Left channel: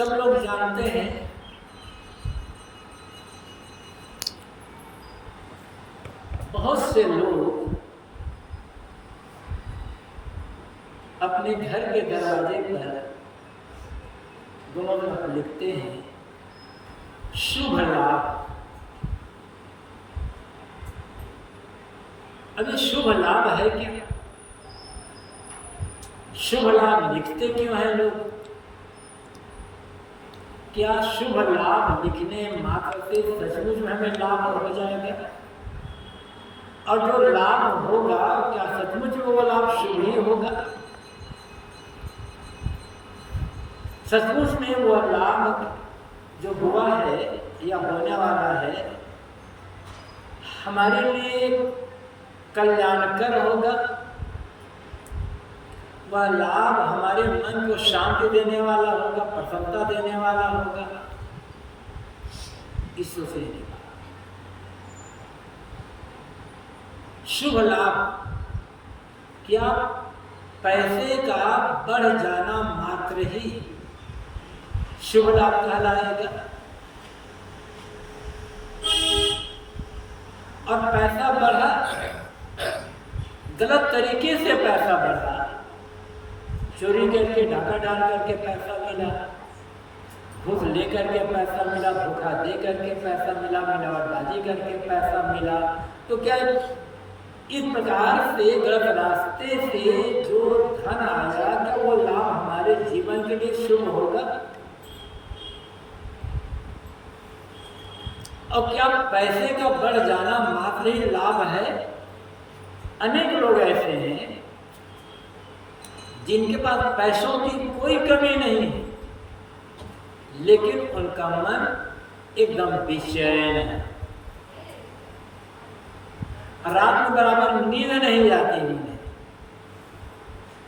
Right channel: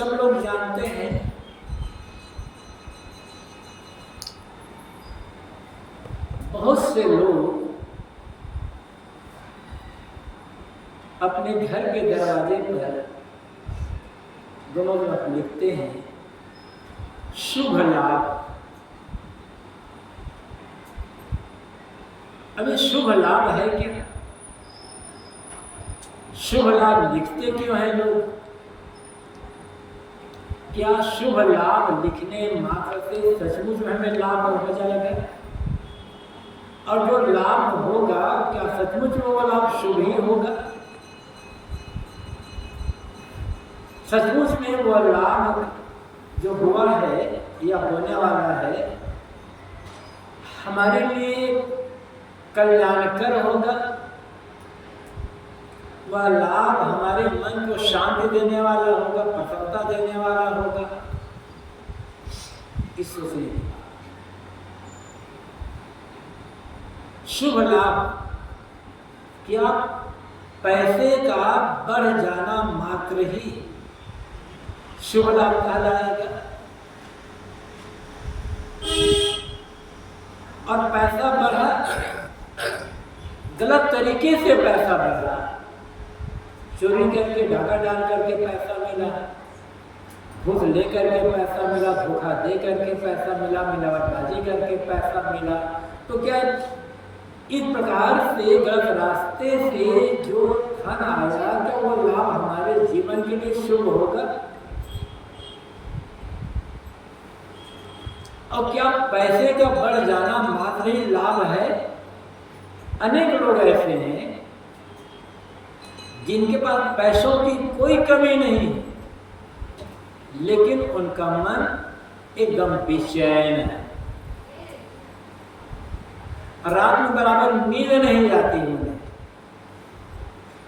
सब लोग जानते हैं बहुत से लोग अपने घर के दरवाजे पर दोनों तरफ लिखते हैं शुभ लाभ। अभी शुभ लाभ है क्या? शुभ लाभ लिखते क्यों हैं लोग? क्या शुभ लाभ लिखने मात्र से सचमुच में हमें लाभ हो जाएगा? और जो लाभ होगा क्या सचमुच में वो लाभ शुभ ही होगा? सचमुच में वो लाभ जो हुआ है या होने वाला है हमारे लिए कल्याणकर होगा? वह लाभ हमारे मन को शांति देने वाला होगा, प्रसन्नता देने वाला होगा? इस सोचने की बात। शुभ लाभ क्या पैसे का बढ़ जाना मात्र ही शुभ लाभ कहलाएगा? और पैसा बढ़ा, गलत तरीके से पैसा बढ़ा, चोरी करके डाका डाल करके पैसा मिला, घूस ले करके पैसा मिला, धोखा दे करके पैसा मिला, मिलावटबाजी करके पैसा मिला, तो क्या इस प्रकार से गलत रास्ते से जो धन आया क्या वो लाभ हमारे जीवन के लिए शुभ होगा? और क्या पैसे का बढ़ जाना मात्र ही लाभ है? अनेक लोग ऐसे हैं जिनके पास पैसों की कोई कमी नहीं, लेकिन उनका मन एकदम बेचैन है, रात में बराबर नींद नहीं आती उन्हें,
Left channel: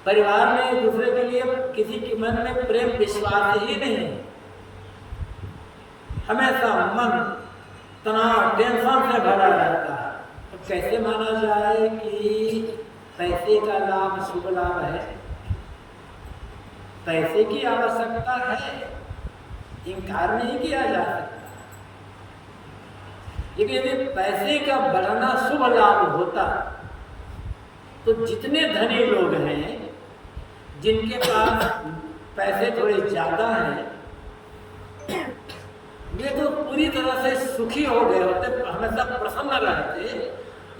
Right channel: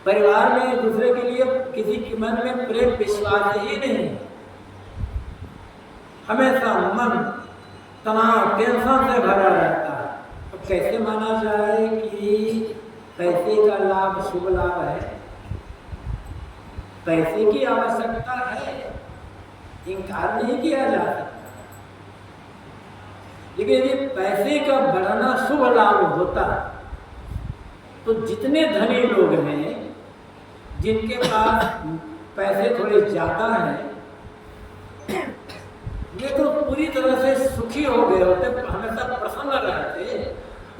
परिवार में एक दूसरे के लिए किसी के मन में प्रेम विश्वास ही नहीं, हमेशा मन तनाव टेंशन से भरा रहता है। तो कैसे माना जाए कि पैसे का लाभ शुभ लाभ है? पैसे की आवश्यकता है, इनकार नहीं किया जा सकता, लेकिन यदि पैसे का बढ़ना शुभ लाभ होता तो जितने धनी लोग हैं जिनके पास पैसे थोड़े ज्यादा हैं वे तो पूरी तरह से सुखी हो गए होते, हमेशा प्रसन्न रहते,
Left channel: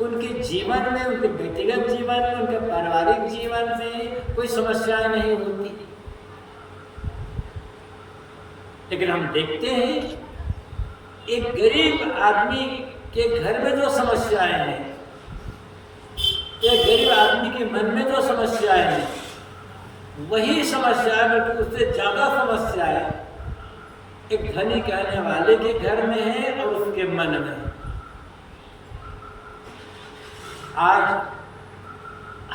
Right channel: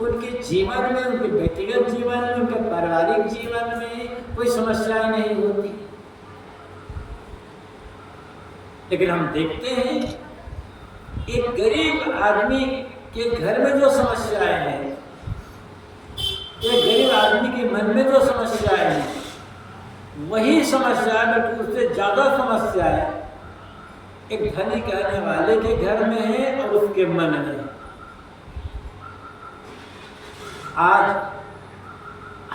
उनके जीवन में, उनके व्यक्तिगत जीवन में, उनके पारिवारिक जीवन में कोई समस्याएं नहीं होती। लेकिन हम देखते हैं एक गरीब आदमी के घर में जो समस्याएं हैं, एक गरीब आदमी के मन में जो समस्याएं हैं, वही समस्याएं बल्कि उससे ज्यादा समस्याएं एक धनी कहने वाले के घर में है और उसके मन में। आज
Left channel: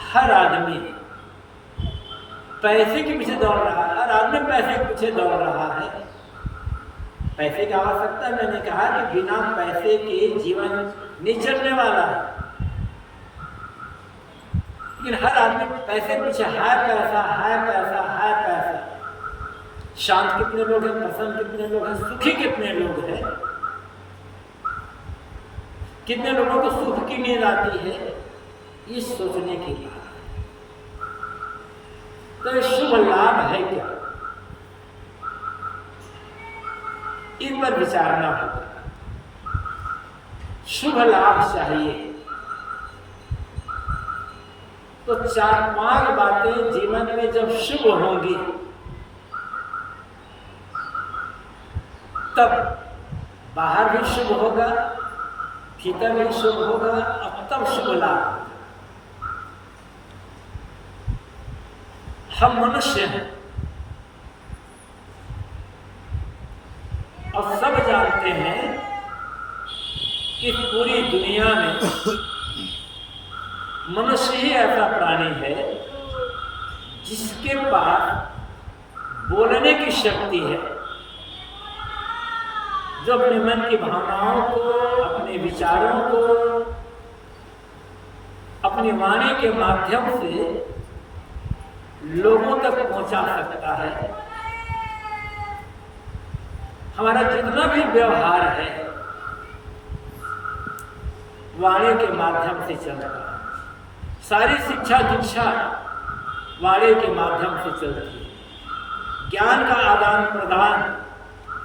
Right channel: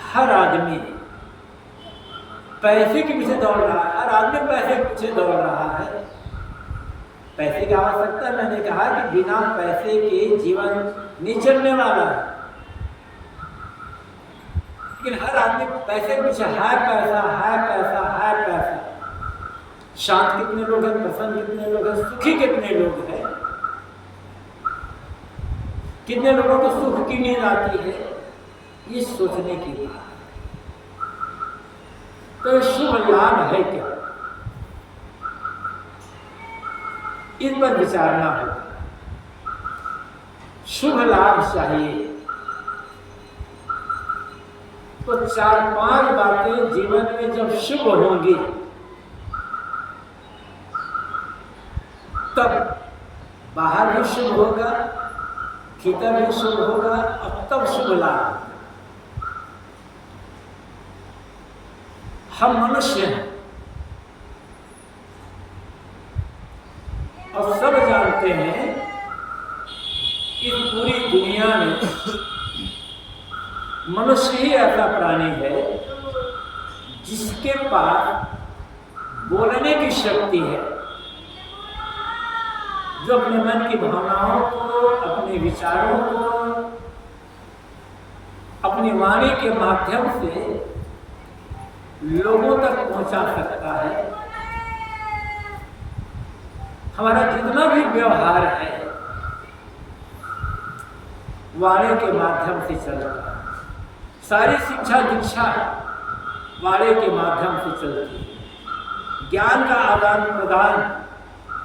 हर आदमी पैसे के पीछे दौड़ रहा है, हर आदमी पैसे के पीछे दौड़ रहा है। पैसे की आवश्यकता, मैंने कहा कि बिना पैसे के जीवन नहीं चलने वाला है, लेकिन हर आदमी पैसे के पीछे है पैसा, है पैसा, है पैसा। शांत कितने लोग हैं, प्रसन्न कितने लोग हैं, सुखी कितने लोग हैं? कितने लोगों को सुख की नींद आती है? ये सोचने की बात है। तो ये शुभ लाभ है क्या? इस पर विचारना होगा। शुभ लाभ चाहिए तो 4-5 बातें जीवन में जब शुभ होंगी तब बाहर भी शुभ होगा, भीतर भी शुभ होगा, और तब शुभ लाभ होगा। हम मनुष्य हैं और सब जानते हैं कि पूरी दुनिया में मनुष्य ही ऐसा प्राणी है जिसके पास बोलने की शक्ति है, जो अपने मन की भावनाओं को, अपने विचारों को अपनी वाणी के माध्यम से लोगों तक पहुंचा सकता है। हमारा जितना भी व्यवहार है वाणी के माध्यम से चल रहा है। सारी शिक्षा दीक्षा वाणी के माध्यम से चलती है। ज्ञान का आदान प्रदान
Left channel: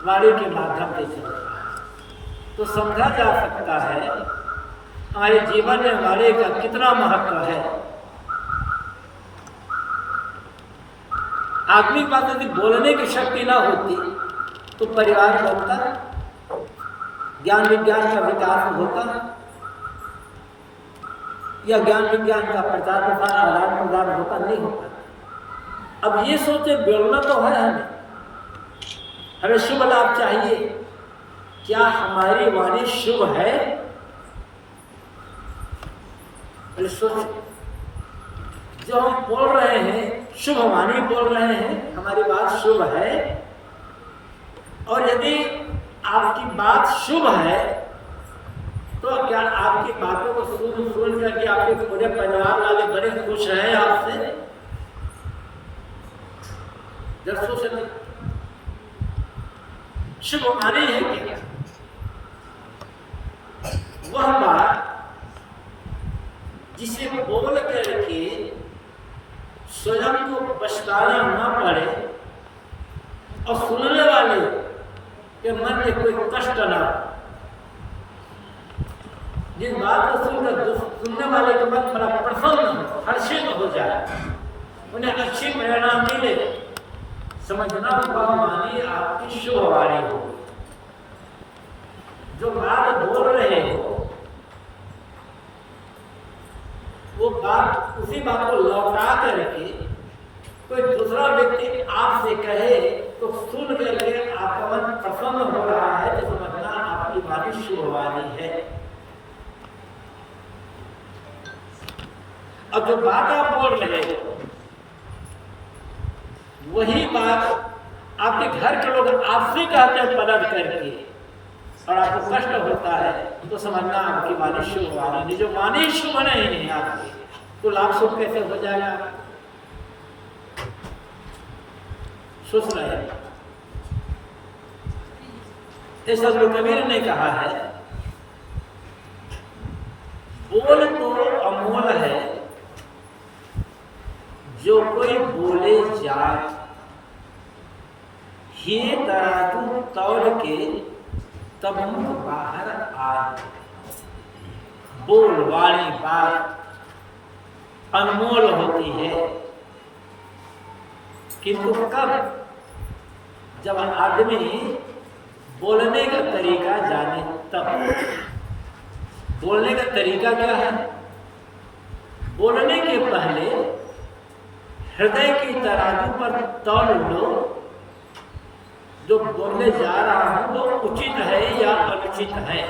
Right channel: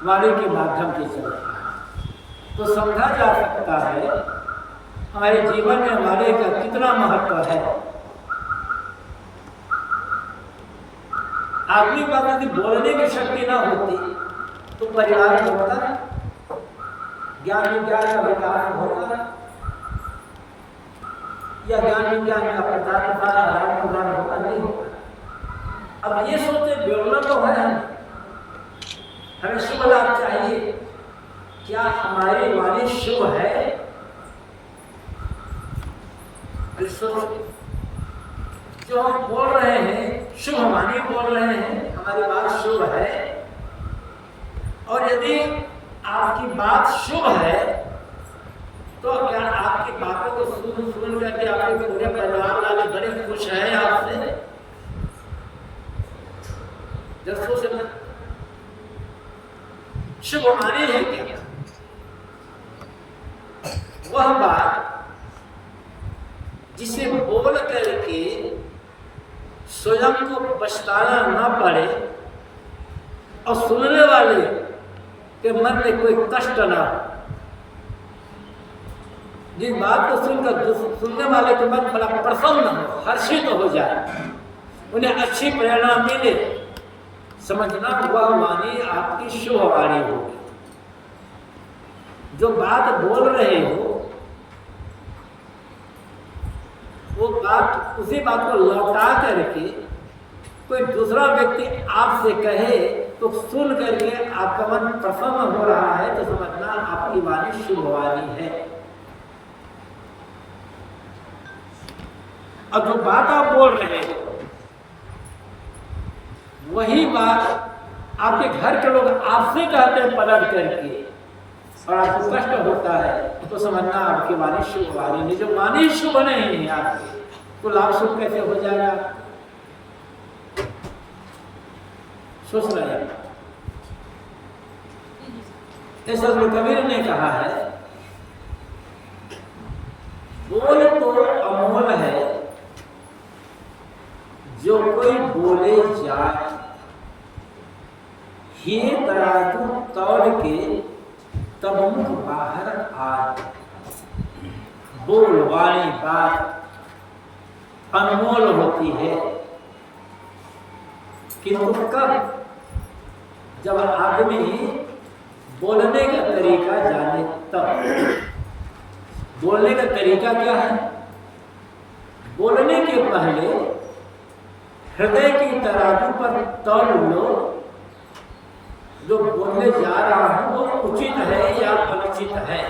वाणी के माध्यम से चल रहा है। तो समझा जा सकता है हमारे जीवन में वाणी का कितना महत्व है। आदमी के पास यदि बोलने की शक्ति ना होती तो परिवार होता, ज्ञान विज्ञान का विकास होता, या ज्ञान विज्ञान का प्रचार प्रसार आदान प्रदान होता, नहीं होता। अब ये सोचे बोलना तो है, हमें शुभ लाभ चाहिए, क्या हमारी वाणी शुभ है? जो हम बोल रहे हैं शुभ वाणी बोल रहे हैं, हमारी बात शुभ है। और यदि आपकी बात शुभ है तो क्या आपकी बातों को सुन करके आपके पूरे परिवार वाले बड़े खुश हैं आपसे? जब सोचना शुभ वाणी है क्या? वह बात जिसे बोल करके स्वयं को पछताना ना पड़े और सुनने वाले के मन में कोई कष्ट ना हो। जिस बात को सुनकर सुनने वाले के मन बड़ा प्रसन्न हो, हर्षित हो जाए, उन्हें अच्छी प्रेरणा मिले, समझना वह वाणी आपकी शुभ वाणी होगी। जो बात बोल रहे हो वो बात, उसी बात को लौटा करके कोई दूसरा व्यक्ति आपसे कहे तो सुन करके आपका मन प्रसन्न हो रहा है तो समझना आपकी वाणी शुभ वाणी है। और जो बात आप बोल रहे हो वही बात आपके घर के लोग आपसे कहते हैं पलट करके और आपको कष्ट होता है तो समझना आपकी वाणी शुभ वाणी नहीं। जो वाणी शुभ नहीं है आपकी तो लाभ शुभ कैसे हो जाएगा? सोच रहे हैं। इस सदगुरु कबीर ने कहा है, बोल तो अमोल है जो कोई बोले जाए, ही तराजू तौल के तब मुख बाहर आए। बोल वाणी बात अनमोल होती है, किंतु कब? जब आदमी बोलने का तरीका जाने तब। बोलने का तरीका क्या है? बोलने के पहले हृदय की तराजू पर तौल लो, जो बोलने जा रहा हूं वो उचित है या अनुचित है,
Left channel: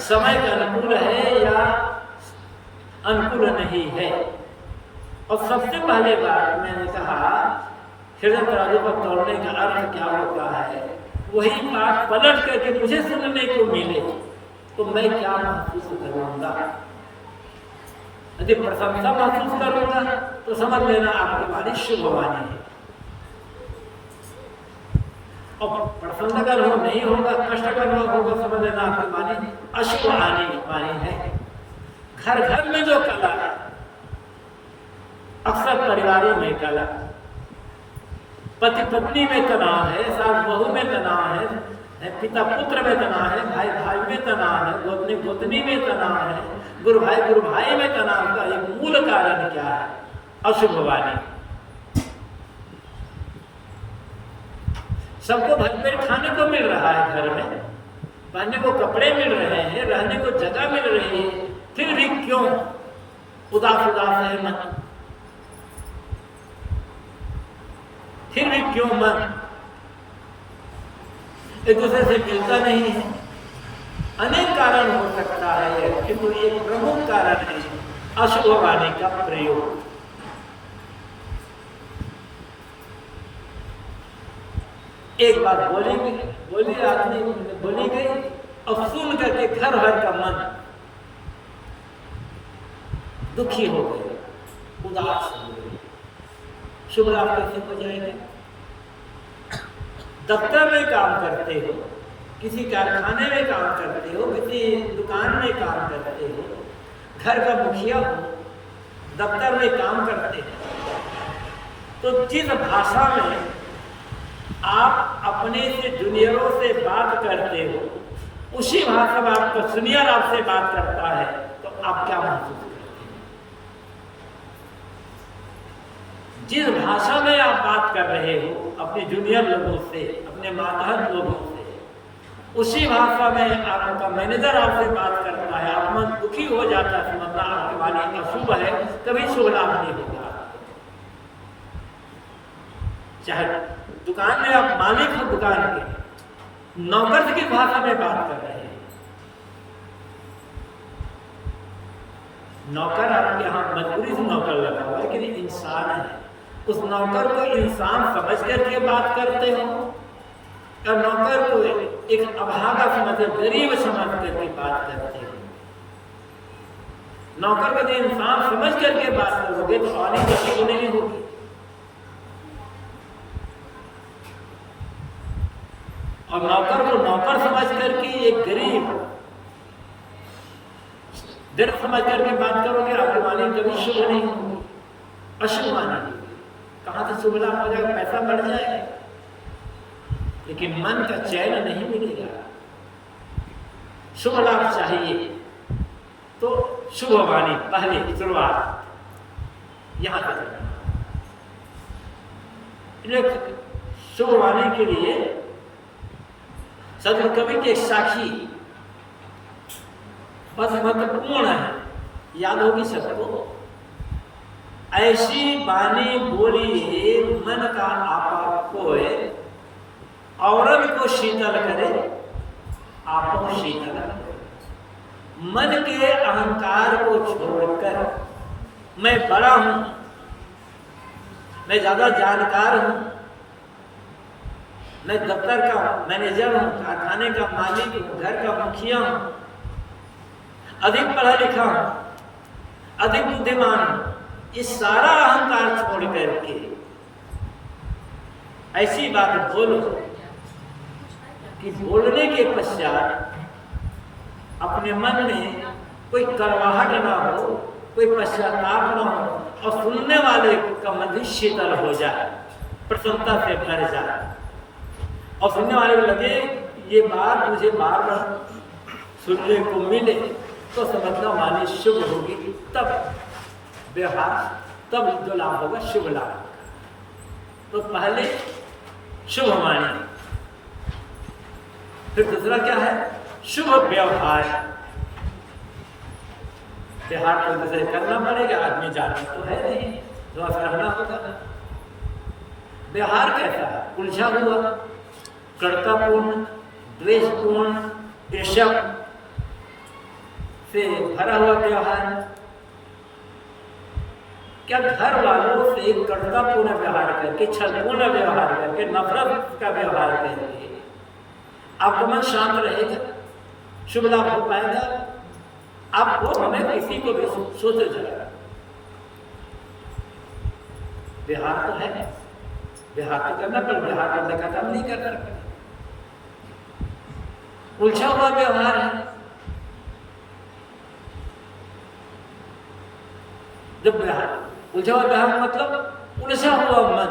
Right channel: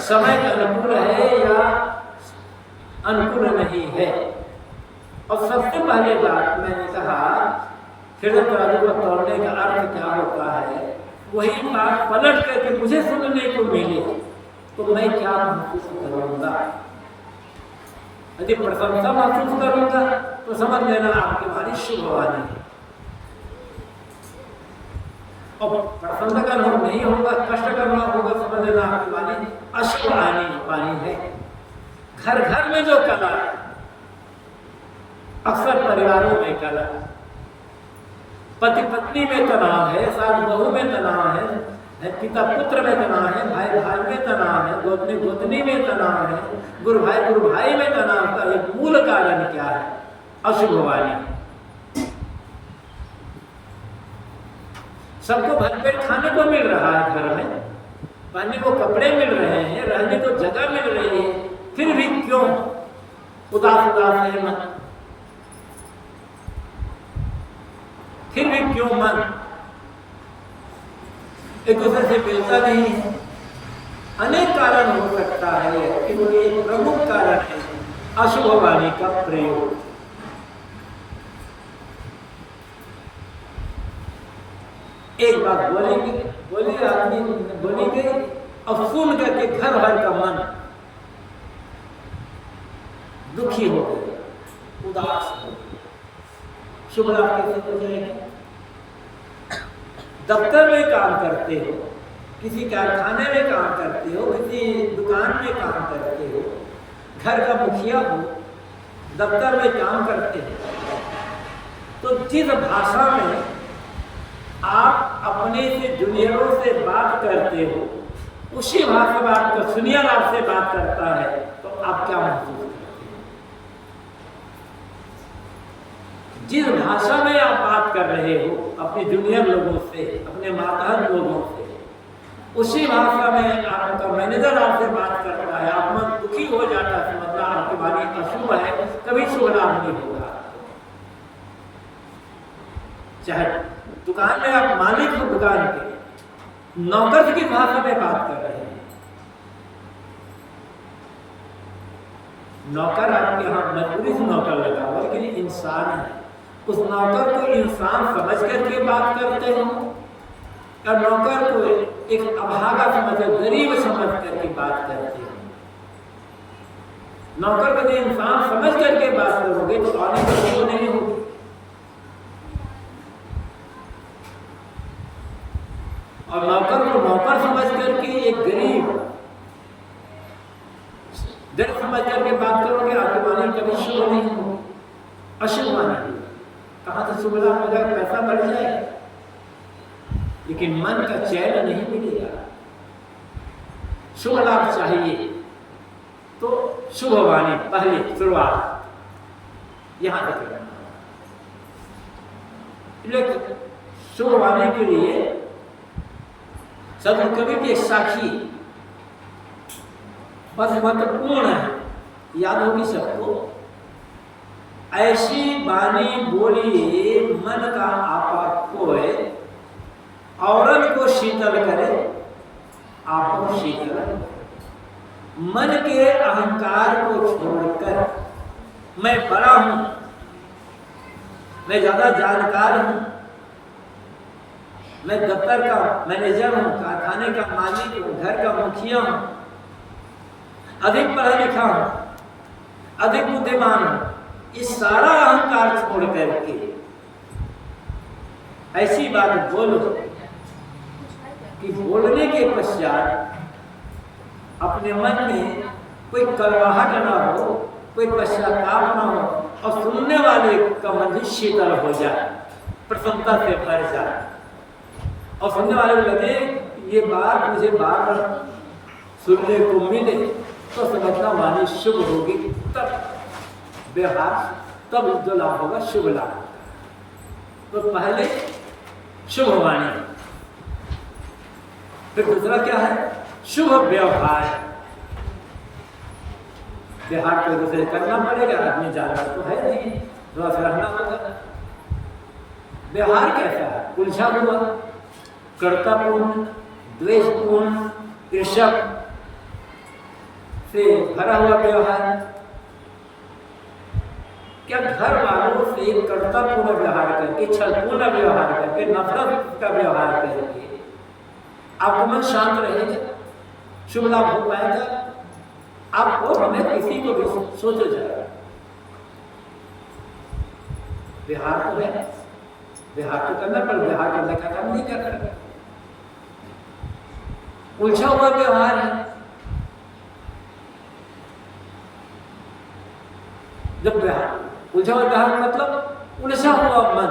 समय के अनुकूल है या अनुकूल नहीं है। और सबसे पहले बात मैंने कहा हृदय तराजू पर तौलने का अर्थ क्या होता है? वही बात पलट करके मुझे सुनने को मिले तो मैं क्या महसूस करूंगा? यदि प्रशंसा महसूस करूंगा तो समझ लेना आपकी वाणी शुभ वाणी है। और प्रसन्न का अनुभव नहीं होगा, कष्ट का अनुभव होगा, समझ लेना आपकी वाणी अशुभ वाणी है। घर घर में जो कला है, अक्सर परिवारों में कला, पति पत्नी में तनाव है, सास बहू में तनाव है, पिता पुत्र में तनाव है, भाई भाई में तनाव है, गोतनी गोतनी में तनाव है, गुरु भाई में तनाव का एक मूल कारण क्या है? अशुभ वाणी। सबको भरपेट खाने को मिल रहा है, घर में पहनने को कपड़े मिल रहे हैं, रहने को जगह मिल रही है, फिर भी क्यों उदास उदास है मन? फिर भी क्यों मन एक दूसरे से मिलता नहीं है? अनेक कारण हो सकता है, किंतु एक प्रमुख कारण है अशुभ वाणी का प्रयोग। एक बात बोली आदमी बोली गई और सुन करके घर भर का मन दुखी हो गया, उदास हो गया। शुभ लाभ कैसे हो जाएगा? दफ्तर में काम करते हो, किसी कारखाने में काम करते हो, किसी दुकान में काम करते हो, घर का मुखिया हो, दफ्तर में काम करते हो, तो जिस भाषा में आप अपने से जूनियरों से बात करते हो, उसी भाषा में आपका सीनियर आपसे बात करता है, तो आप क्या महसूस करते हो? जिस भाषा में आप बात कर रहे हो अपने जूनियर लोगों से, अपने मातहत लोगों से, उसी भाषा में आपका मैनेजर आपसे बात करता है, आप मन दुखी हो जाता है, समझना आपकी वाणी अशुभ है, कभी शुभ लाभ नहीं होगा। चाहे दुकान में आप मालिक हो, दुकान के नौकर की भाषा में बात कर रहे हैं, नौकर आपके यहाँ मजबूरी से नौकर लगा हुआ, लेकिन इंसान है, उस नौकर को इंसान समझ करके बात करते हो, और नौकर को एक अभागा समझ, गरीब समझ करके बात करते हो। नौकर को इंसान समझ करके बात करोगे तो आने की नहीं होगी। और नौकर को नौकर समझ करके, एक गरीब दर्द समझ करके बात करोगे, आपकी वाणी कभी शुभ नहीं होगी, अशुभ वाणी। कहां से शुभ लाभ हो जाएगा, पैसा बढ़ जाएगा, लेकिन मन का चैन नहीं मिलेगा। शुभ लाभ चाहिए तो शुभ वाणी पहले शुरुआत यहां तक करना। शुभ वाणी के लिए सदगुरु कवि के साक्षी बस महत्वपूर्ण है, याद होगी सबको। ऐसी वाणी बोलिए मन का आपा खोए, औरन को शीतल करे आपो शीतल। मन के अहंकार को छोड़कर, मैं बड़ा हूं, मैं ज्यादा जानकार हूं, मैं दफ्तर का मैनेजर हूं, कारखाने का मालिक हूं, घर का मुखिया हूं, अधिक पढ़ा लिखा हूं, अधिक बुद्धिमान हूं, इस सारा अहंकार छोड़ करके ऐसी बात बोलो कि बोलने के पश्चात अपने मन में कोई कड़वाहट ना हो, कोई पश्चाताप ना हो, और सुनने वाले का मन भी शीतल हो जाए, प्रसन्नता से भर जाए, और सुनने वाले को लगे ये बात मुझे बार बार सुनने को मिले, तो समझना वाणी शुभ होगी, तब व्यवहार, तब जो लाभ होगा शुभ लाभ होगा। तो पहले शुभ वाणी, फिर दूसरा क्या है, शुभ व्यवहार। व्यवहार तो दूसरे करना पड़ेगा, आदमी जानवर तो है नहीं, थोड़ा सा रहना होगा। व्यवहार कैसा है, उलझा हुआ, कर्तापूर्ण, द्वेषपूर्ण, ईर्ष्या से भरा हुआ व्यवहार। क्या घर वालों से कर्तापूर्ण व्यवहार करके, छलपूर्ण व्यवहार करके, नफरत का व्यवहार करके आपका मन शांत रहेगा, शुभ लाभ हो पाएगा? आपको हमें किसी को भी सोचो जरा, व्यवहार तो है, व्यवहार तो करना, पर व्यवहार करने का काम नहीं कर सकते, उलझा हुआ व्यवहार है। जब व्यवहार उलझा हुआ व्यवहार मतलब उलझा हुआ मन,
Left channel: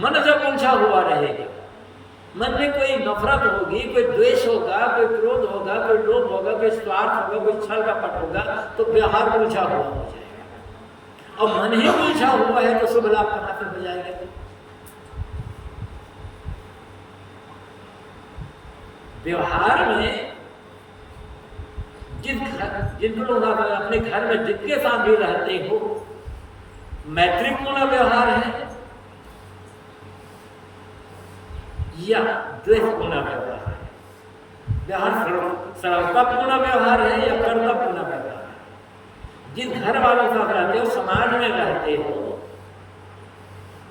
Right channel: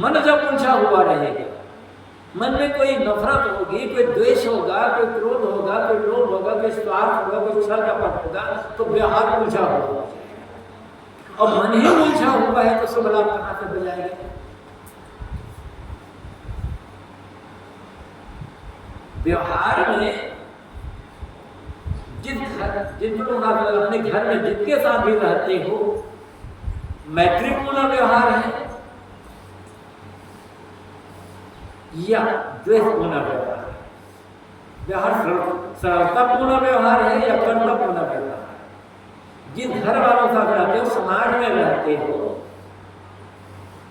मन जब उलझा हुआ रहेगा, मन में कोई नफरत होगी, कोई द्वेष होगा, कोई क्रोध होगा, कोई लोभ होगा, कोई स्वार्थ होगा, कोई छल कपट होगा, तो व्यवहार उलझा हुआ हो जाएगा। और मन ही उलझा हुआ है तो शुभ लाभ कहां से हो जाएगा? व्यवहार में जिन लोग अपने घर में जिनके साथ भी रहते हो, मैत्रीपूर्ण व्यवहार है या द्वेषपूर्ण व्यवहार है? व्यवहार सरलतापूर्ण व्यवहार है या कर्तव्यपूर्ण व्यवहार है? जिन घर वालों के साथ रहते हो, समाज में रहते हो,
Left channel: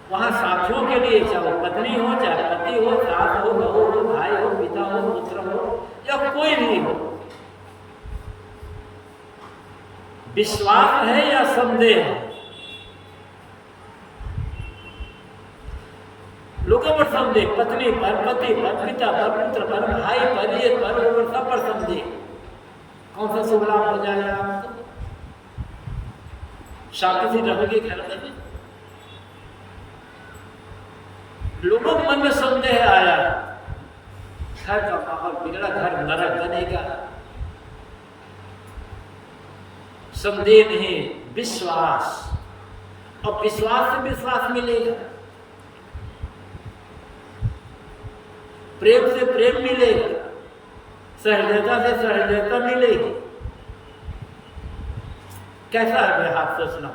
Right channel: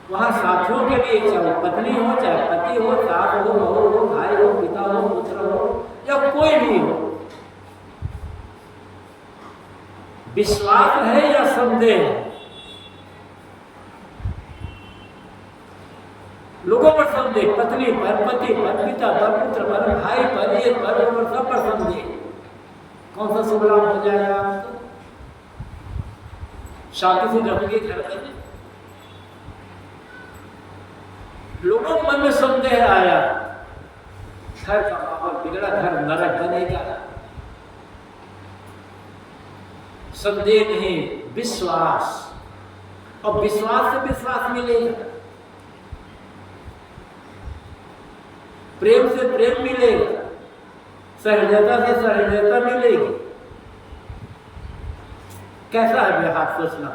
वहां साथियों के लिए, चाहे पत्नी हो, चाहे पति हो, सास हो, बहू हो, भाई हो, पिता हो, पुत्र हो, या कोई भी हो, विश्वास है या संदेह? लोगों पर संदेह, पत्नी पर, पति पर, पिता पर, पुत्र पर, भाई पर, ये पर, वो पर, सब पर संदेह। कौन सा शुभ लाभ हो जाएगा आपको? शांति से रहोगे घर में? लोगों के मन में संदेह आया, घर का माहौल बिगड़ा, घर नरक बनेगा। संदेह नहीं, विश्वास, और विश्वास से विश्वास मिलेगा, प्रेम से प्रेम मिलेगा, सहृदयता से सहृदयता मिलेगी। कैसा है व्यवहार सोचना,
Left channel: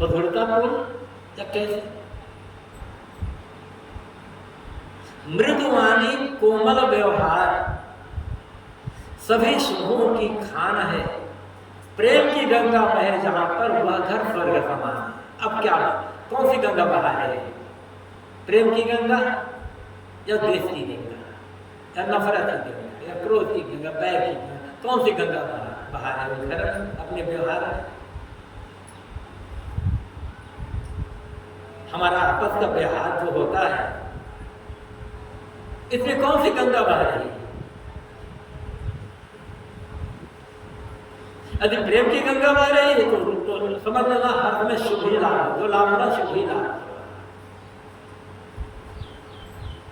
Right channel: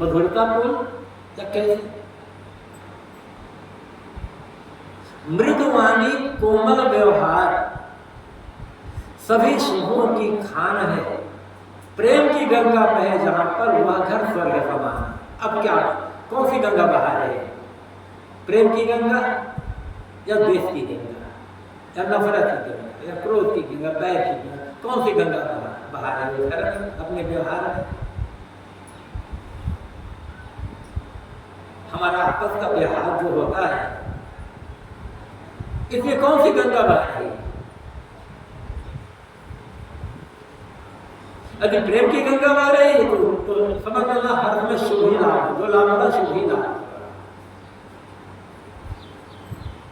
मधुरतापूर्ण या कैसे? मृदुवाणी कोमल व्यवहार सभी शुभों की खान है, प्रेम की गंगा बहे जहां पर वह घर स्वर्ग समान है। अब क्या, कौन सी गंगा बहा है? प्रेम की गंगा या द्वेष की गंगा, या नफरत की गंगा, या क्रोध की गंगा, बैर की गंगा? कौन सी गंगा बहा है वो घर अपने व्यवहार में? हमारा आपस का व्यवहार जो होता है, इसमें कौन सी गंगा बह रही है? यदि प्रेम की गंगा बह रही है तो समझ लेना हर समय शुभ ही लाभ, जो लाभ होना शुभ ही लाभ।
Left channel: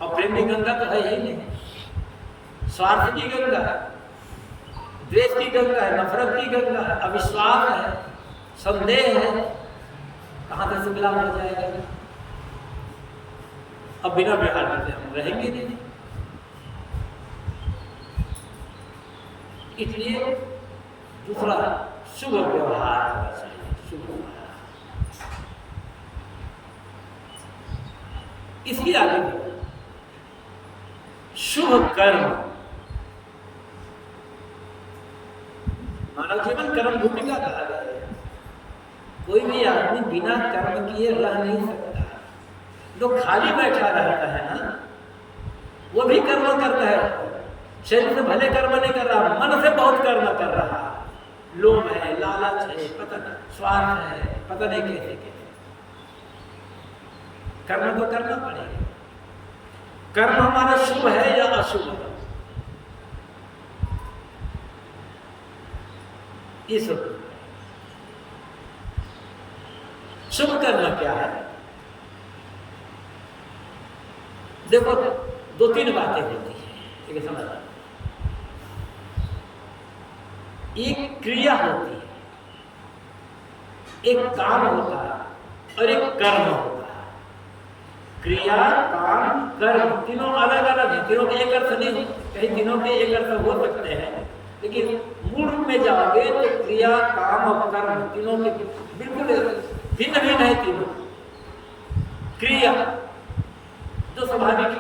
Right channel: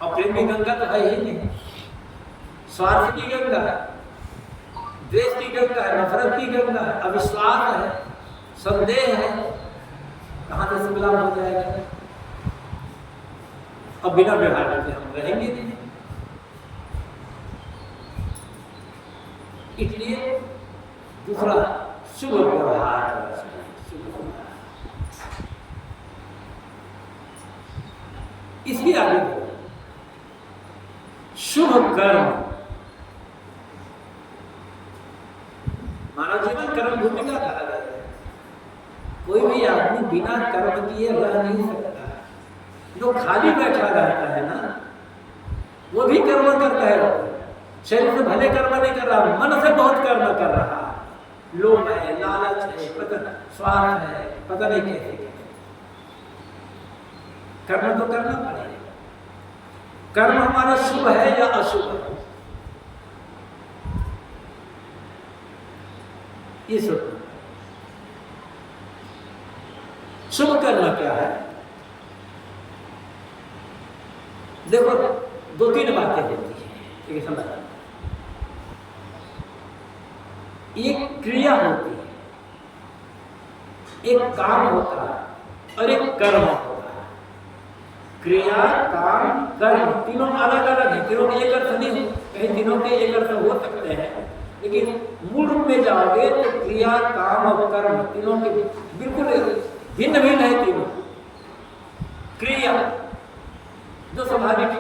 और प्रेम की गंगा तो है ही नहीं, स्वार्थ की गंगा है, द्वेष की गंगा है, नफरत की गंगा है, अविश्वास है, संदेह है। कहां से शुभ लाभ हो जाएगा? अब बिना व्यवहार करते हम रहेंगे नहीं। इसलिए दूसरा, शुभ व्यवहार करना चाहिए, शुभ व्यवहार। इसके आगे शुभ कर्म। मानव जीवन कर्म भूमिका कहा गया है। कोई भी आदमी बिना कर्म किए रह नहीं सकता। जो खाली बैठा रहता है ना, वो भी कर्म करता है। शरीर से भले कर्म नहीं कर रहा, मन से बहुत कर्म कर रहा है। लोभ है, लालच है, पता स्वार्थ है, पता नहीं कैसे कैसे। कर्म तो करना पड़ेगा। कर्म हमारा शुभ है या अशुभ है, ये सोचना। शुभ कर्म क्या है? देखो, दो तीन बातें होती है, ठीक है, समझ। एक क्रिया होती है, एक काम होता है और एक कर्म होता है। क्रिया, काम, कर्म तीनों अलग अलग है, तीनों के एक अर्थ नहीं हो। कहीं तीनों के एक अर्थ हो सकते हैं, लेकिन मूल रूप में जाओगे तो क्रिया, काम और कर्म तीनों के बिल्कुल भिन्न भिन्न है। तीनों क्रिया जो स्वाभाविक,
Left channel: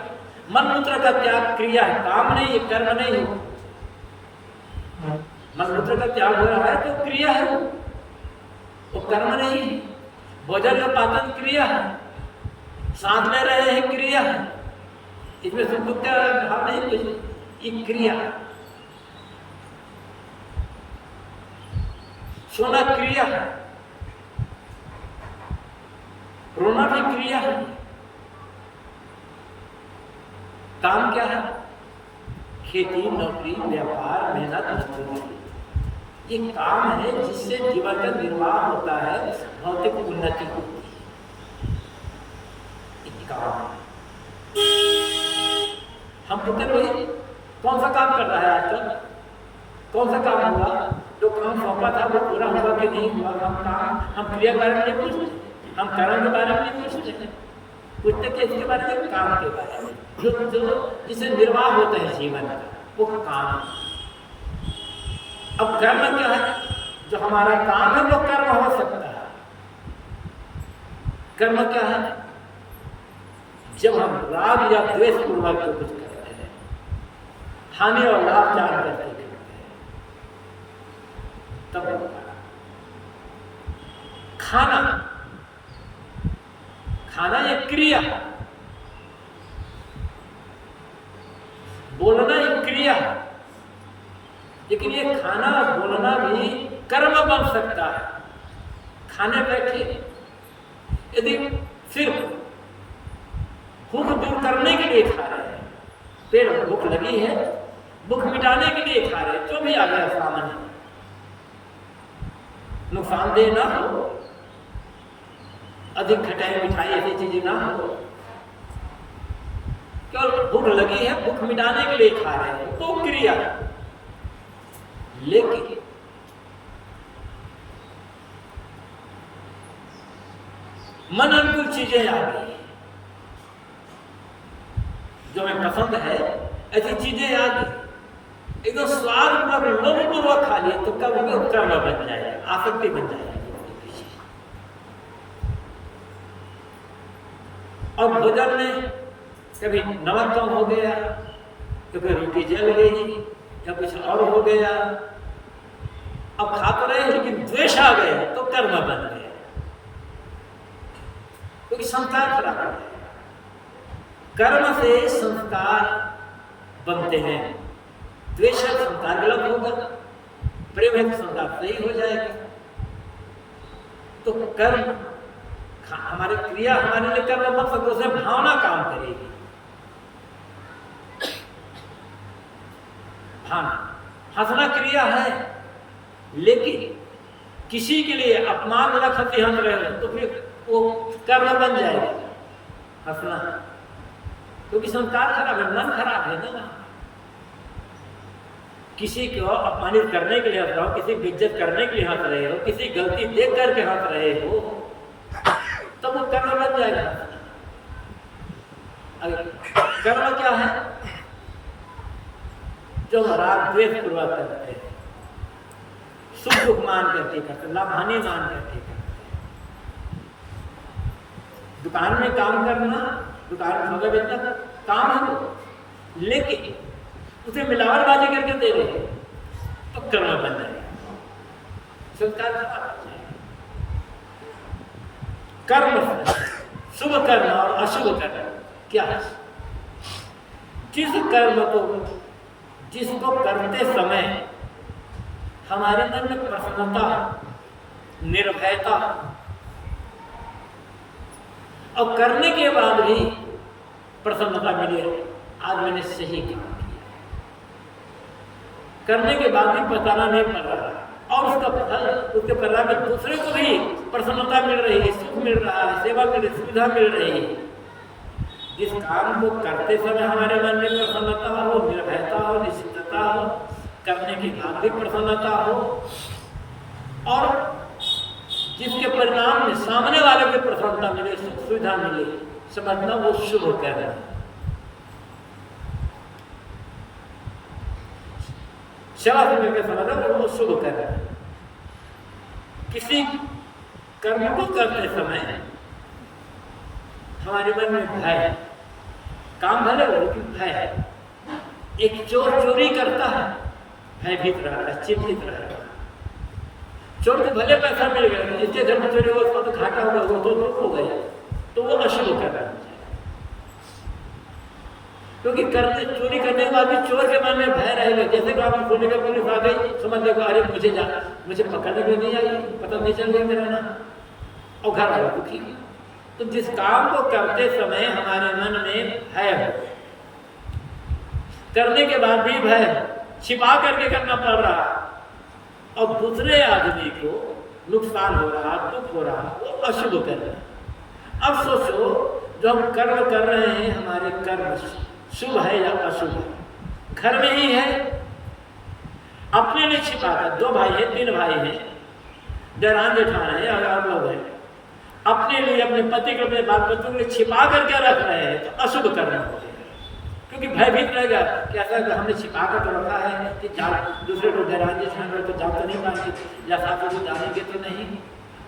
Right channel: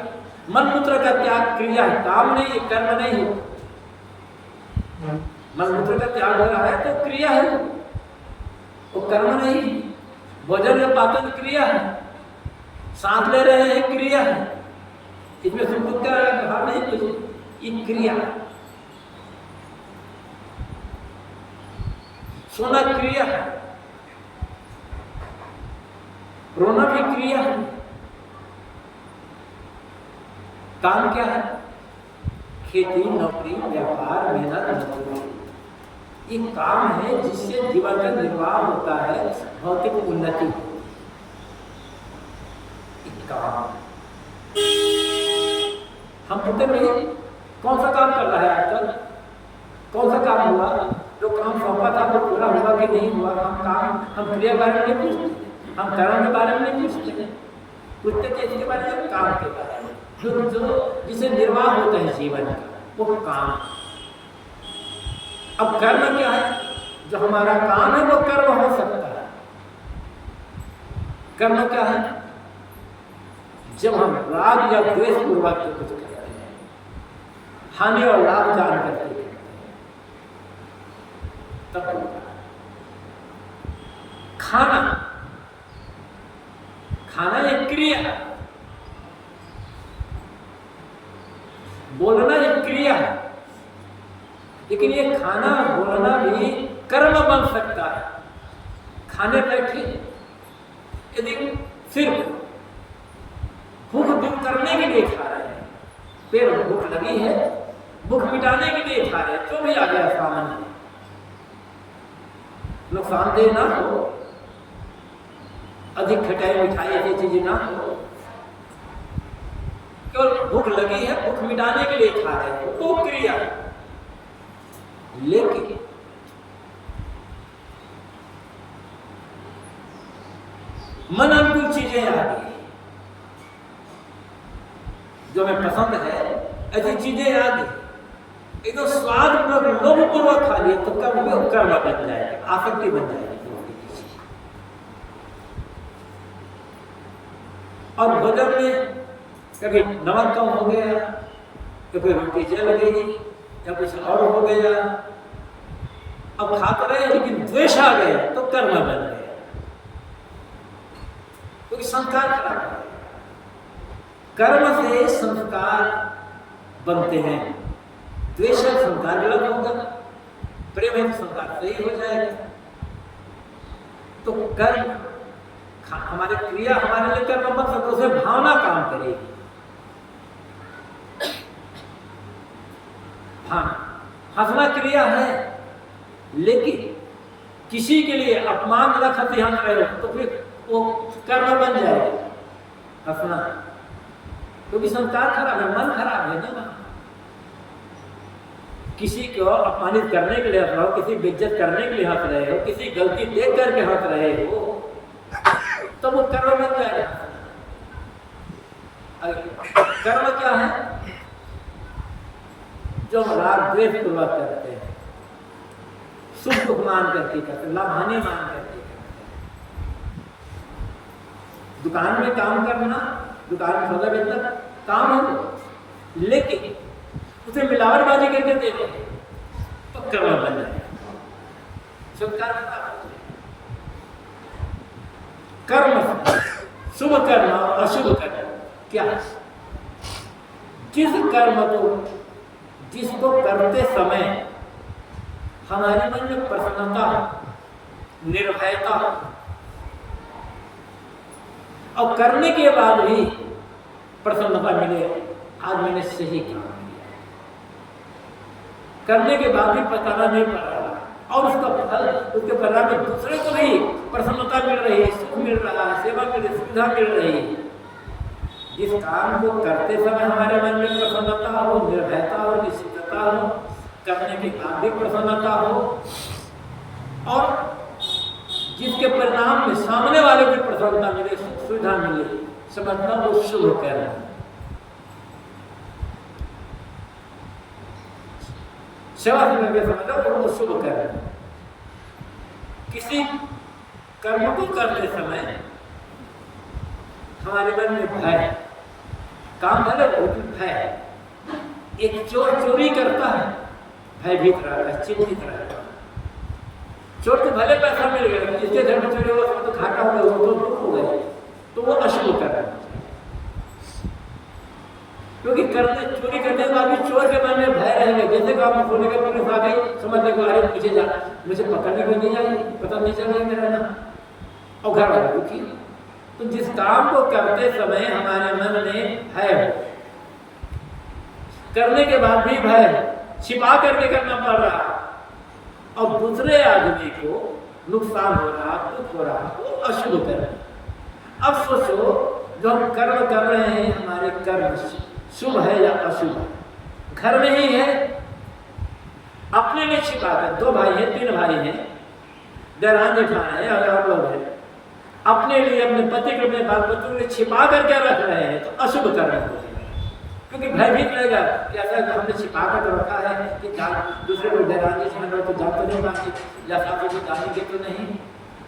मलमूत्र का त्याग क्रिया है, काम नहीं है, कर्म नहीं है। मलमूत्र का त्याग हो रहा है तो क्रिया है, वो कर्म नहीं है। भोजन में पाचन क्रिया है, सांस ले रहे हैं क्रिया है, इसमें सुख का भाव नहीं कुछ, ये क्रिया। सोना क्रिया है, रोना भी क्रिया है। काम क्या है? खेती, नौकरी, व्यापार, मेहनत, मजदूरी, ये काम है जिससे जीवन का निर्वाह होता है, भौतिक उन्नति होती है। एक काम हम पुत्र भाई कौन सा काम कर रहा है आजकल? कौन सा काम हुआ? जो काम सौंपा था वो पूरा हुआ कि नहीं हुआ? हम क्रिया के बारे में नहीं पूछते, हम कर्म के बारे में नहीं पूछते, पूछते कि इसके बारे में, काम के बारे में, जो जिसे निर्वाह होता है जीवन का, वो काम। अब कर्म क्या है? जो हमारा काम है वो कर्म हो सकता है। कर्म क्या है? जब हम राग या द्वेष पूर्वक जो कुछ करते हैं, हानि और लाभ जान करके करते हैं, तब खाना, खाना एक क्रिया, बोलना एक क्रिया है, लेकिन ये खाना बोलना भी कर्म बन सकता है। खाने बैठे यदि सिर्फ भूख दूर करने के लिए खा रहे हैं, पेट भूख लगी है, भूख मिटाने के लिए खा रहे हैं, जो भी आ गया सामने, नुकसानदेह ना हो, अधिक खटाई मिठाई ऐसी चीजें ना हो, केवल भूख लगी है, भूख मिटाने के लिए खा रहे हैं, तो क्रिया। लेकिन मन अनुकूल चीजें आ गई, जो हमें पसंद है ऐसी चीजें आ गई, एकदम स्वाद पूर्वक लोभ पूर्वक खा लिए, तो कब वो कर्म बन जाएगा, आसक्ति बन जाएगी उसके पीछे। और भोजन में कभी नमक कम हो गया, कभी रोटी जल गई, या कुछ और हो गया, अब खा तो रहे लेकिन द्वेष आ गया तो कर्म बन गया, क्योंकि संस्कार खराब हो गया। कर्म से संस्कार बनते हैं, द्वेष से संस्कार गलत होगा, प्रेम है तो संस्कार सही हो जाएगा। तो कर्म हमारे क्रिया हमारे लिए कर्म बन सकता, उसमें भावना काम करेगी। हाँ, हंसना क्रिया है, लेकिन किसी के लिए अपमानजनक हंसी हंस रहे हो तो फिर वो कर्म बन जाएगा हंसना, क्योंकि संस्कार खराब है, मन खराब है ना। किसी को अपमानित करने के लिए हंस रहे हो, किसी की इज्जत करने के लिए हंस रहे हो, किसी गलती देख करके हंस रहे हो, तो वो कर्म बन जाएगा हंसना। कर्म क्या है? जो राग द्वेष पूर्वक करते हैं, सुख दुख मान करके करते हैं, लाभ हानि मान करके करते हैं। दुकान में काम करना, दुकान में सौदा बेचना काम है वो, लेकिन उसे मिलावटबाजी करके दे रहे तो कर्म बन जाएगा, संस्कार खराब हो जाएगा। कर्म, शुभ कर्म और अशुभ कर्म क्या है? जिस कर्म को, जिसको करते समय हमारे मन में प्रसन्नता, निर्भयता, और करने के बाद भी प्रसन्नता मिले, आज मैंने सही काम किया, करने के बाद भी पछताना नहीं पड़ रहा, और उसका फल, उसके परिणाम में दूसरे को भी प्रसन्नता मिल रही है, सुख मिल रहा है, सेवा मिल रही, सुविधा मिल रही है। जिस काम को करते समय हमारे मन में प्रसन्नता हो, निर्भयता हो, निश्चितता हो, करने के बाद भी प्रसन्नता हो, और जिसके परिणाम में सामने वाले को प्रसन्नता मिले, सुख सुविधा मिले, समझना वो शुभ कर्म है। सेवा से मिलकर समझना वो शुभ कर्म है। किसी कर्म को करते समय हमारे मन में भय, काम भले हो लेकिन भय है। एक चोर चोरी करता है, भयभीत रहता है, चिंतित रहता है। चोर को भले पैसा मिल गया, जिसके घर में चोरी होगा उसको तो घाटा होगा, वो तो दुख हो गया, तो वो अशुभ कर्म हो जाए। क्योंकि करने, चोरी करने के बाद भी चोर के मन में भय रहेगा। जैसे कि आप बोलेगा पुलिस आ गई, समझ लेगा अरे मुझे पकड़ने को नहीं आई, पता नहीं चल गया मेरा ना, और घर वाला दुखी। तो जिस काम को करते समय हमारे मन में भय हो, करने के बाद भी भय हो, छिपा करके करना पड़ रहा, और दूसरे आदमी को नुकसान हो रहा, दुख हो रहा, वो अशुभ कर्म। अब सोचो, जो हम कर्म कर रहे हैं, हमारे कर्म शुभ है या अशुभ है? घर में ही है, अपने लिए छिपा कर, 2 भाई हैं, 3 भाई हैं, देरान जेठान है और लोग हैं, अपने लिए, अपने पति को, अपने बाल बच्चों के लिए छिपा करके रख रहे हैं, तो अशुभ कर्म हो गया। क्योंकि भयभीत रहेगा कि ऐसा हमने छिपा कर तो रखा है कि दूसरे लोग देरान जेठान हो तो जा तो नहीं पाएंगे, या साथ में जानेंगे तो नहीं,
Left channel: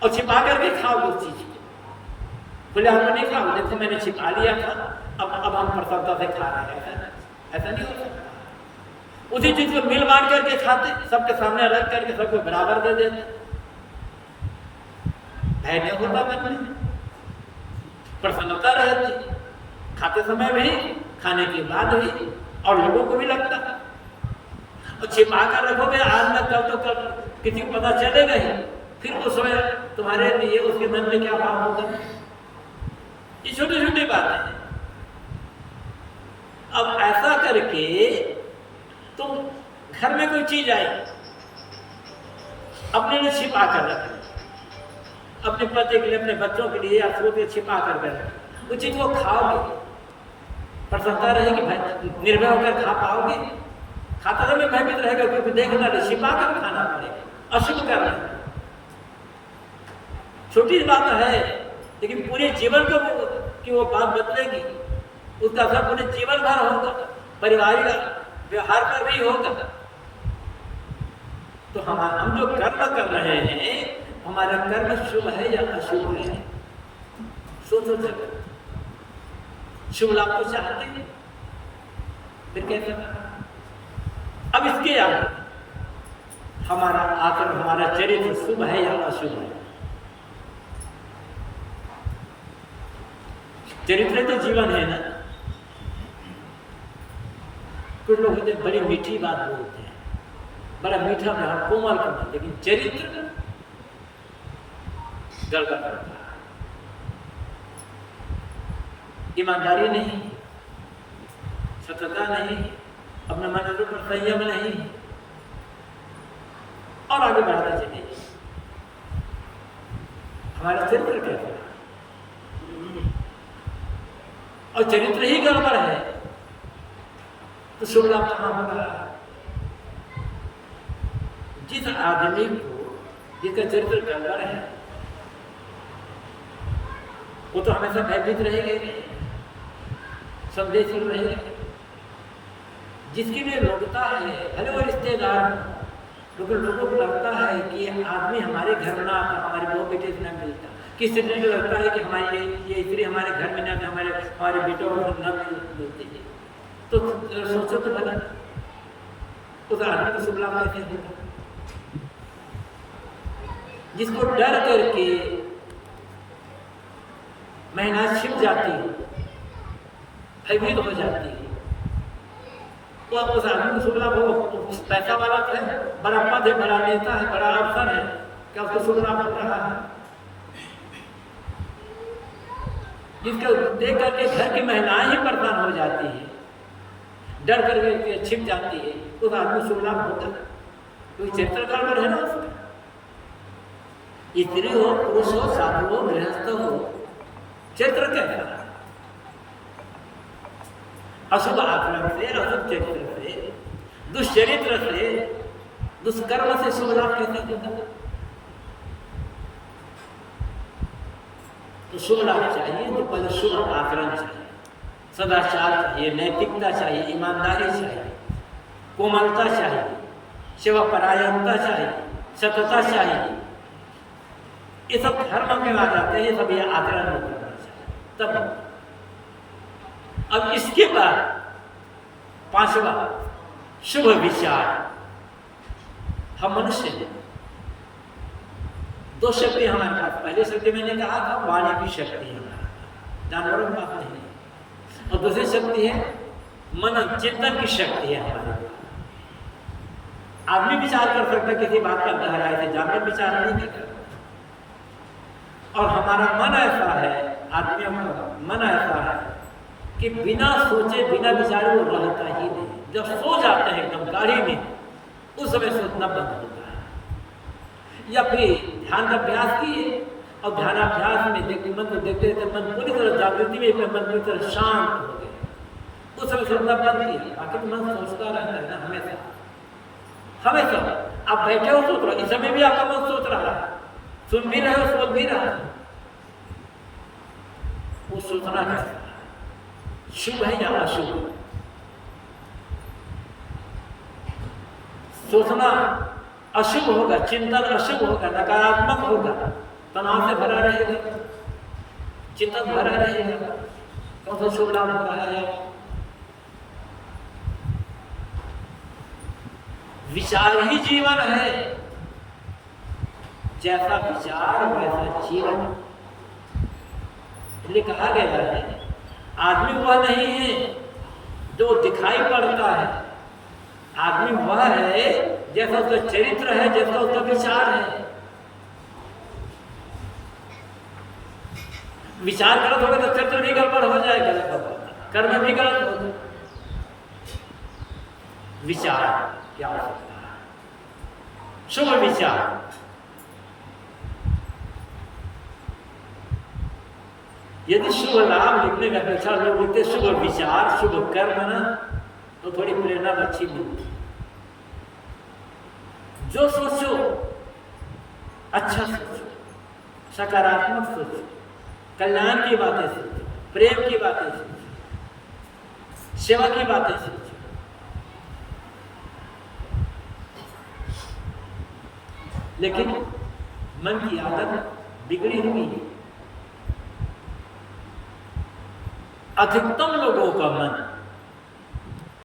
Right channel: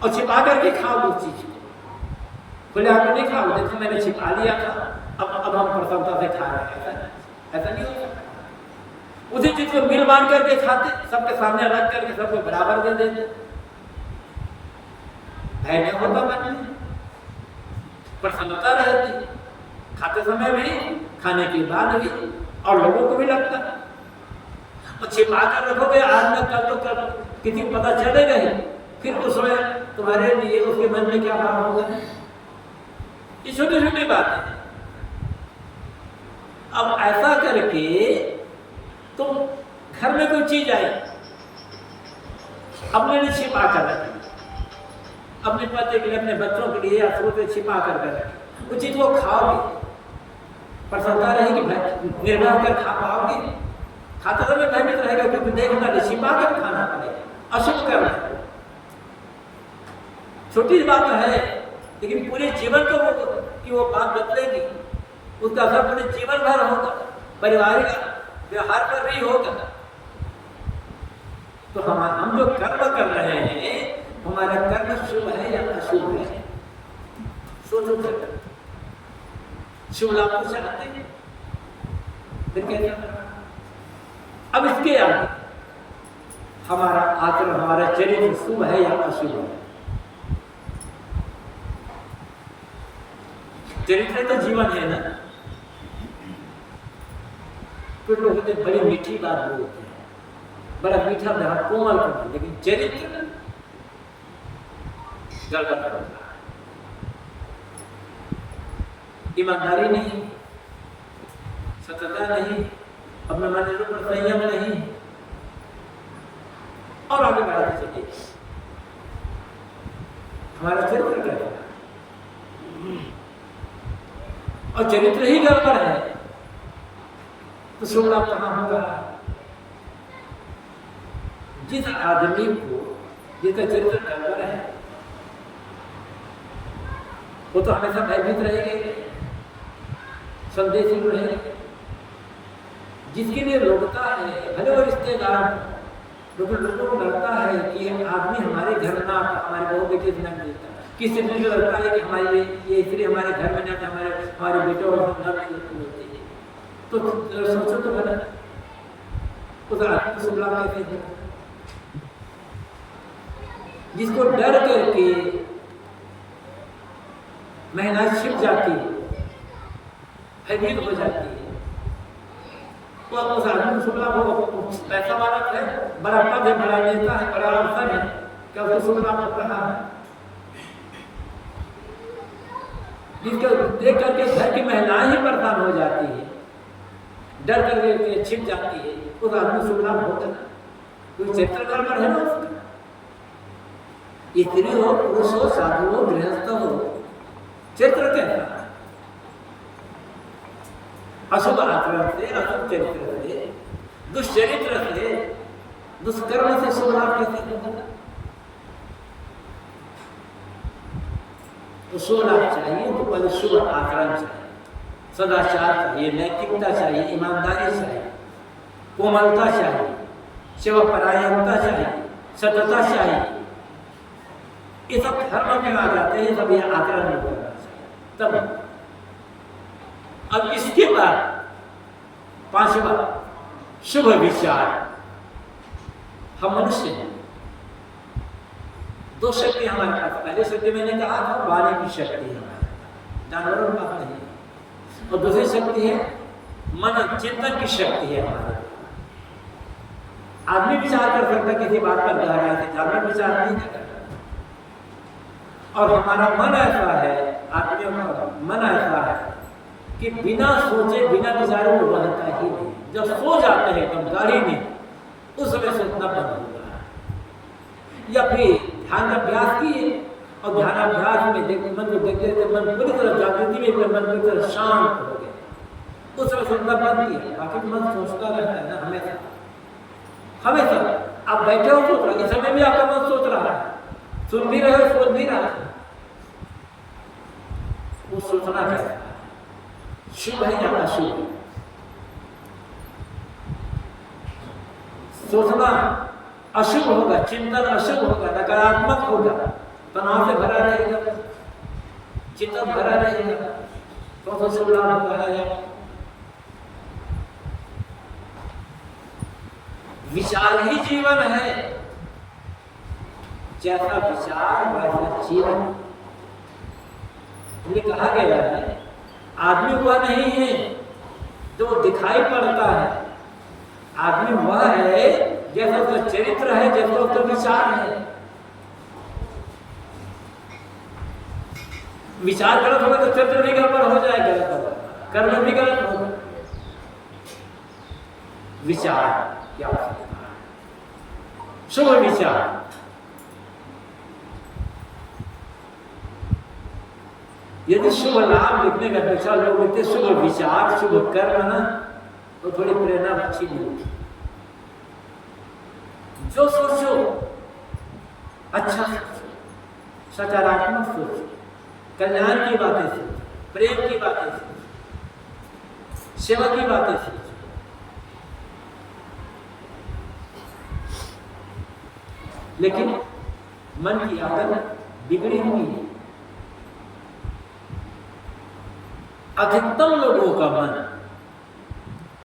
और छिपा करके खाओ उस चीज को, बोले आप नहीं खाओ, देखो मैंने छिपा लिया था, अब हम प्रसन्नता से खा रहे हैं। ऐसा नहीं हो सकता। उसी चीज को मिल बांट करके खाते, सबके सामने रख करके सबको बराबर दे देते, भय नहीं होता मन में, प्रसन्नता रहती, खाते समय भी, खाने के बाद भी, और लोगों को भी लगता। और छिपा कर रखोगे आज न कल तो कल किसी को पता चलेगा ही, फिर उस समय तुम्हारे लिए उसके मन में क्या भाव होगा? ये छोटी छोटी बातें हैं, अब ऐसा करके तुम घर में कोई चीज आई, अपने लिए छिपा कर रखी, अपने पति के लिए, अपने बच्चों के लिए या स्रोत छिपा कर रखी, वो चीज वो खाओगे, प्रसन्नता रहेगी, भाई निर्भय होकर खा पाओगे? खाते समय भयभीत रहेगा, क्योंकि देखना नहीं, छिपा कर खाना पड़ेगा, अशुभ करना है। छोटी बात है, लेकिन पूरे जीवन को कि वो बात बदलेगी, उसका असर पूरे जीवन भर होगा, पारिवारिक व्यवहार पर भी होगा। तो हम जो कर्म कर रहे हैं, हमारा कर्म शुभ है या अशुभ है? सोचो जरा। शुभ लाभ को चाहते हैं, फिर कैसा? अब इसके आगे हमारा आचरण, हमारा चरित्र शुभ है या अशुभ है? चरित्र तो जीवन है ना। कुछ लोग होते बड़ी मीठी बात बोलते हैं, बड़ा मीठा व्यवहार, कोमल कोमल, लेकिन चरित्र गड़बड़ करता है। ईमानदारी नहीं, सत्यता नहीं, अपने मन के ऊपर संयम नहीं, और आगे बढ़ाते चलिए। हमारा चरित्र कैसा है? और चरित्र ही गड़बड़ है तो शुभ लाभ कहां होगा? जिस आदमी को, जिसका चरित्र गड़बड़ है, वो तो हमेशा भयभीत रहेगा, संदेहशील रहेगा। जिसके लिए लोगता है, भले वो रिश्तेदार हो, लेकिन लोगों को लगता है कि आदमी हमारे घर में ना आता, हमारे बहू बेटे से न मिलता, किसी को लगता है कि हमारी ये स्त्री हमारे घर में ना आते, हमारे बेटों न मिलती है, तो सोचो तो भला उस आदमी को शुभ लाभ कैसे होगा? जिसको डर करके मेहनत छिप जाती है, भयभीत हो जाती है, तो आप उस आदमी को शुभ लाभ हो? पैसा वाला तो है, बड़ा पद है, बड़ा नेता है, बड़ा अवसर है, क्या उसको शुभ लाभ हो रहा है? जिसको देख करके घर की महिलाएं ही परेशान हो जाती है, डर करके छिप जाती है, उस आदमी शुभ लाभ होता है? कोई चरित्र गड़बड़ है ना उसका। स्त्री हो, पुरुष हो, साधु हो, गृहस्थ हो, चरित्र कैसा है? अशुभ आचरण से, अशुभ चरित्र से, दुष्चरित्र से, दुष्कर्म से शुभ लाभ कैसे होगा? तो शुभ लाभ चाहिए तो पहले शुभ आचरण चाहिए, सदाचार चाहिए, नैतिकता चाहिए, ईमानदारी चाहिए, कोमलता चाहिए, सेवा परायणता चाहिए, सतता चाहिए। ये सब धर्म में आ जाते हैं, सब ये आचरण में करना चाहिए तब। अब इसके बाद पांचवा, शुभ विचार। हम मनुष्य हैं, दो शक्ति हमारे पास। पहली शक्ति मैंने कहा था वाणी की शक्ति है हमारे पास, जानवरों के पास नहीं है। और दूसरी शक्ति है मन चिंतन की शक्ति है हमारे पास। आदमी विचार कर सकता किसी बात पर गहराई से, जानवर विचार नहीं कर सकता। और हमारा मन ऐसा है, आदमियों का मन ऐसा है कि बिना सोचे बिना विचारे वो रहता ही नहीं। जब सो जाते हैं एकदम गाड़ी में, उस समय सोचना बंद होता है। या फिर ध्यान का अभ्यास किए और ध्यानाभ्यास में मन को देखते देखते मन पूरी तरह जागृति में, मन पूरी तरह शांत हो गया, उस समय सोचना बंद किया। बाकी तो मन सोचता रहता है ना हमेशा हमेशा। आप बैठे हो सोच रहे हो, इस समय भी आपका मन सोच रहा है, सुन भी रहे हो, सोच भी रहा है। वो सोचना कैसा है? शुभ है या अशुभ है? सोचना अशुभ होगा, चिंतन अशुभ होगा, नकारात्मक होगा, तनाव से भरा रहेगा, चिंतन भरा रहेगा। कौन सा शुभ लाभ हो रहा है? विचार ही जीवन है, जैसा विचार वैसा जीवन। इसलिए कहा गया है आदमी वह नहीं है जो दिखाई पड़ता है, आदमी वह है जैसा उसका चरित्र है, जैसा उसका विचार है। विचार गलत होगा तो चरित्र भी गड़बड़ हो जाएगा, कर्म भी गलत होगा। विचार की आवश्यकता है, शुभ विचार। यदि शुभ लाभ लिखने का अपेक्षा लोग लिखते शुभ विचार, शुभ कर्म ना, तो थोड़ी प्रेरणा अच्छी मिलती। जो सोचो अच्छा सोचो, सकारात्मक सोचो, कल्याण की बातें सोचो, प्रेम की बातें सोचो, सेवा की बातें सोचो। लेकिन मन की आदत बिगड़ी हुई है। अधिकतम लोगों का मन